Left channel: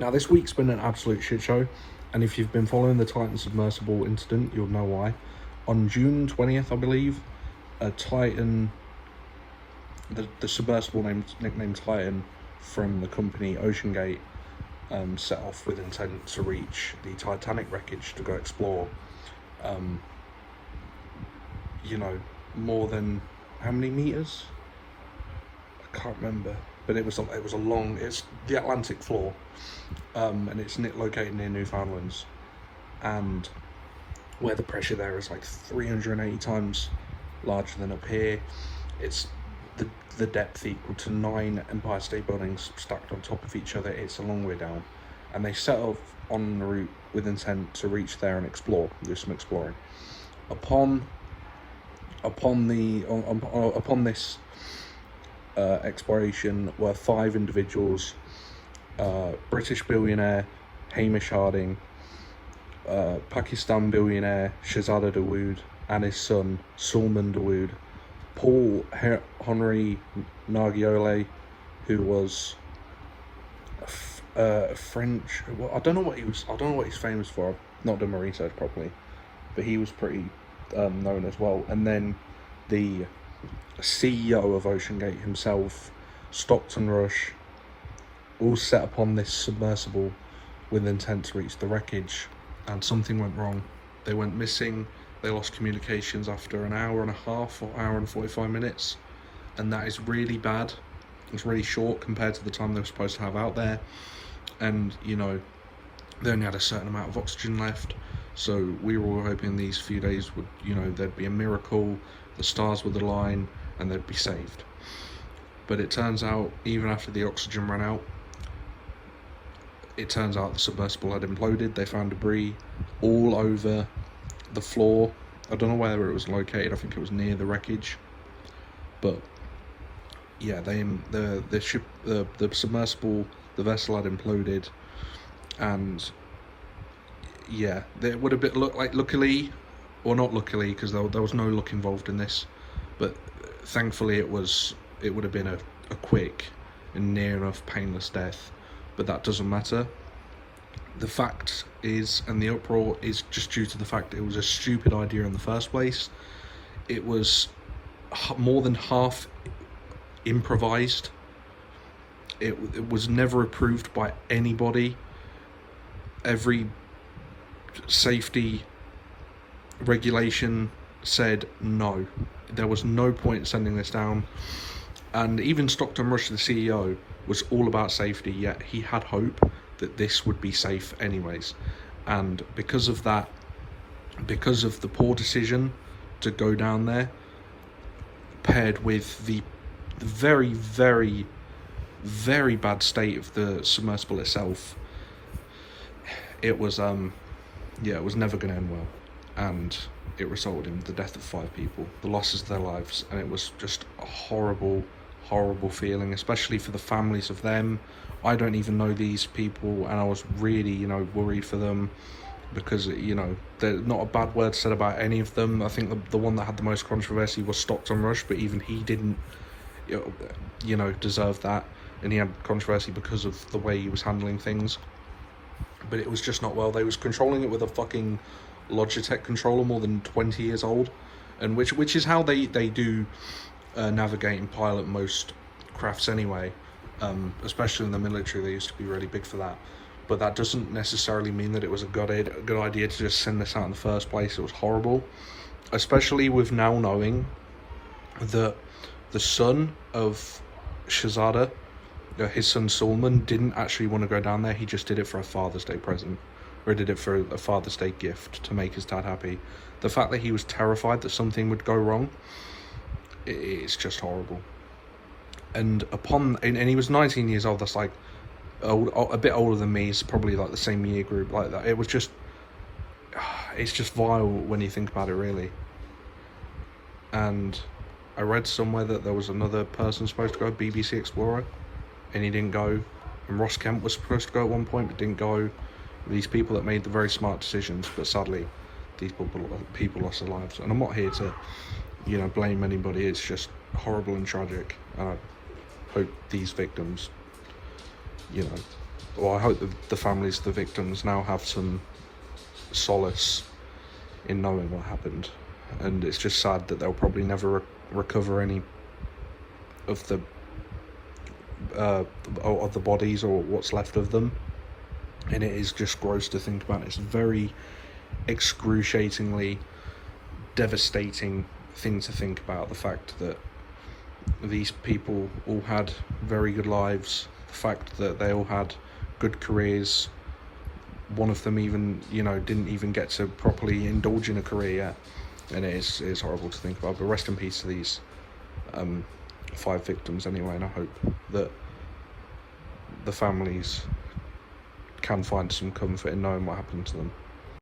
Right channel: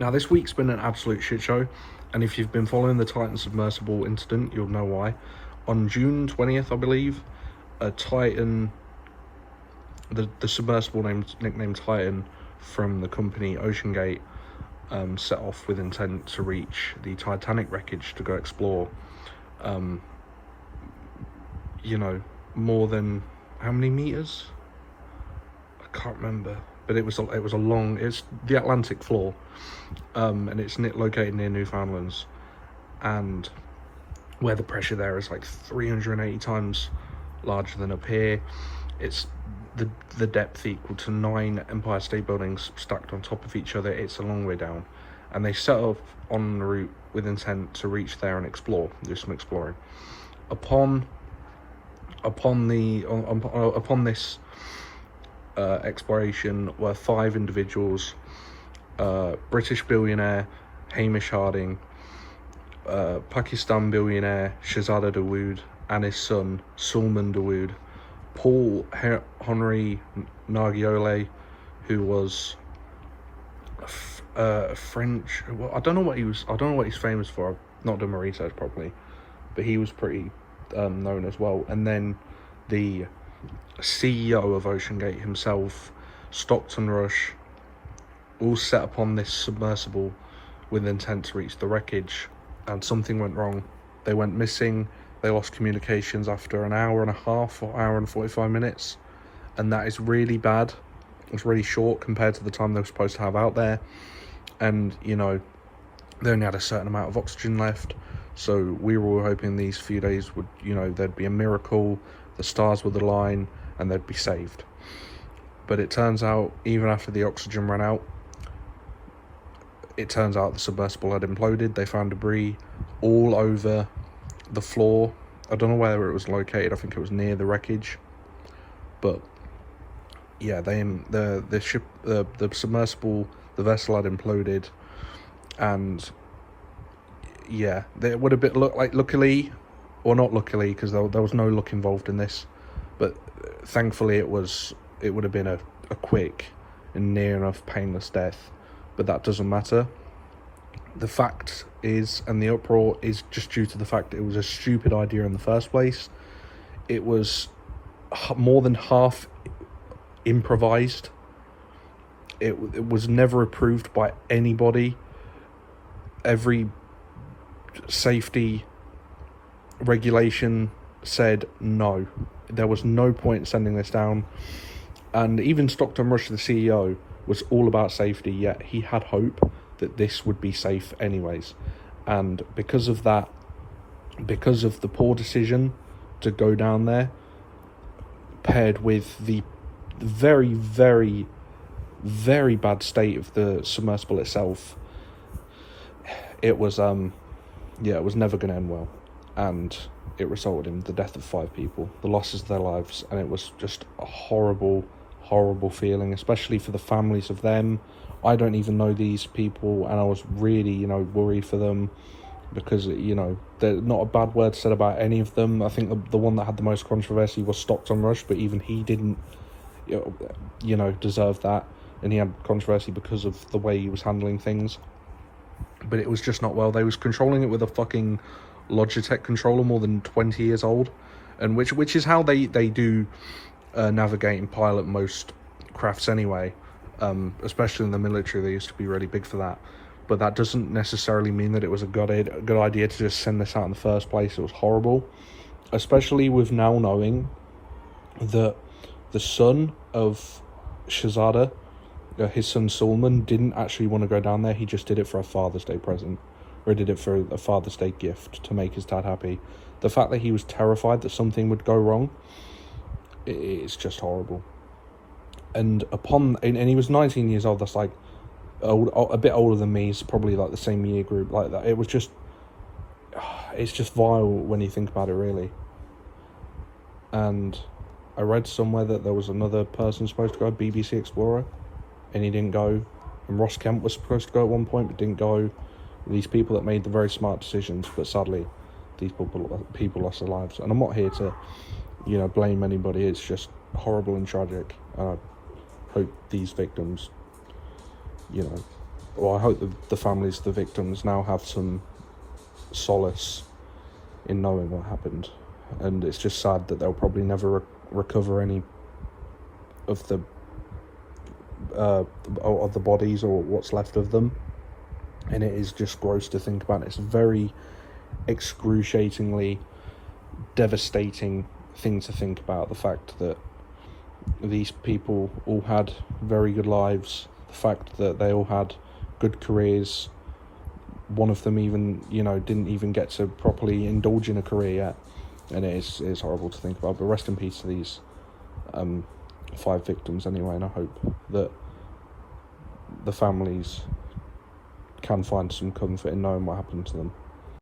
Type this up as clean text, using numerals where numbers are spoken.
Now, this week's been an absolute shit show, and if you've been following the Titan Submersible incident, you'll know why. On June 20th, I believe, a Titan, the submersible nicknamed Titan from the company OceanGate, set off with intent to reach the Titanic wreckage to go explore. You know, more than how many meters? I can't remember, but it's the Atlantic floor, and it's located near Newfoundlands, and where the pressure there is like 380 times larger than up here. It's the depth equal to 9 Empire State Buildings stacked on top of each other. It's a long way down, and they set off on the route with intent to reach there and do some exploring. Upon this exploration were 5 individuals: British billionaire Hamish Harding, Pakistan billionaire Shahzada Dawood and his son Sulman Dawood, Paul Henry Nargiole, who was French. Well, I don't know what he's famous for. I've not done my research properly, but he was pretty known as well. And then the CEO of OceanGate himself, Stockton Rush, all set upon this submersible with intent to reach the wreckage, and something went wrong. They went missing. They lost communications after an hour and a half or hour and 45 minutes, and that is really bad. It's really short compared to the time they were supposed to have out there, and you know, they only had a certain amount of oxygen left. So we were hoping these few days would, you know, there'd be a miracle, the stars would align, and they'd be saved. But it turns out, even after the oxygen ran out, it turns out the submersible had imploded. They found debris all over the floor. I don't know where it was located. I think it was near the wreckage. But yeah, the submersible, the vessel had imploded, and yeah, it would have looked like, luckily, or not luckily, because there was no luck involved in this, but thankfully it would have been a quick and near enough painless death. But that doesn't matter. The fact is, and the uproar is just due to the fact that it was a stupid idea in the first place. It was more than half improvised. It was never approved by anybody. Every safety regulation said no. There was no point in sending this down. And even Stockton Rush, the CEO, was all about safety, yet he had hope that this would be safe anyways. And because of that, because of the poor decision to go down there, paired with the very, very, very bad state of the submersible itself, it was it was never going to end well, and it resulted in the death of 5 people, the losses of their lives, and it was just a horrible feeling, especially for the families of them. I don't even know these people, and I was really, you know, worried for them, because, you know, there's not a bad word said about any of them. I think the one that had the most controversy was Stockton Rush, but even he didn't, you know, deserve that, and he had controversy because of the way he was handling things. But it was just not well. They was controlling it with a fucking Logitech controller, more than 20 years old, and which is how they do navigate and pilot most crafts anyway. Especially in the military, they used to be really big for that. But that doesn't necessarily mean that it was a good idea to just send this out in the first place. It was horrible, especially with now knowing that the son of Shahzada, his son Sulman, didn't actually want to go down there. He just did it for a Father's Day present, or did it for a Father's Day gift to make his dad happy. The fact that he was terrified that something would go wrong, it's just horrible. And he was 19 years old. That's like a bit older than me. He's probably like the same year group like that. It's just vile when you think about it, really. And I read somewhere that there was another person supposed to go, BBC Explorer, and he didn't go. And Ross Kemp was supposed to go at one point, but didn't go. These people that made the very smart decisions, but sadly, these people lost their lives. And I'm not here to, you know, blame anybody. It's just horrible and tragic. And I hope these victims, you know, Well, I hope the families of the victims now have some solace in knowing what happened, and it's just sad that they'll probably never recover any of the bodies or what's left of them. And it is just gross to think about. It's a very excruciatingly devastating thing to think about, the fact that these people all had very good lives, the fact that they all had good careers. One of them even, didn't even get to properly indulge in a career yet, and it's horrible to think about. But rest in peace to these 5 victims anyway, and I hope that the families can find some comfort in knowing what happened to them.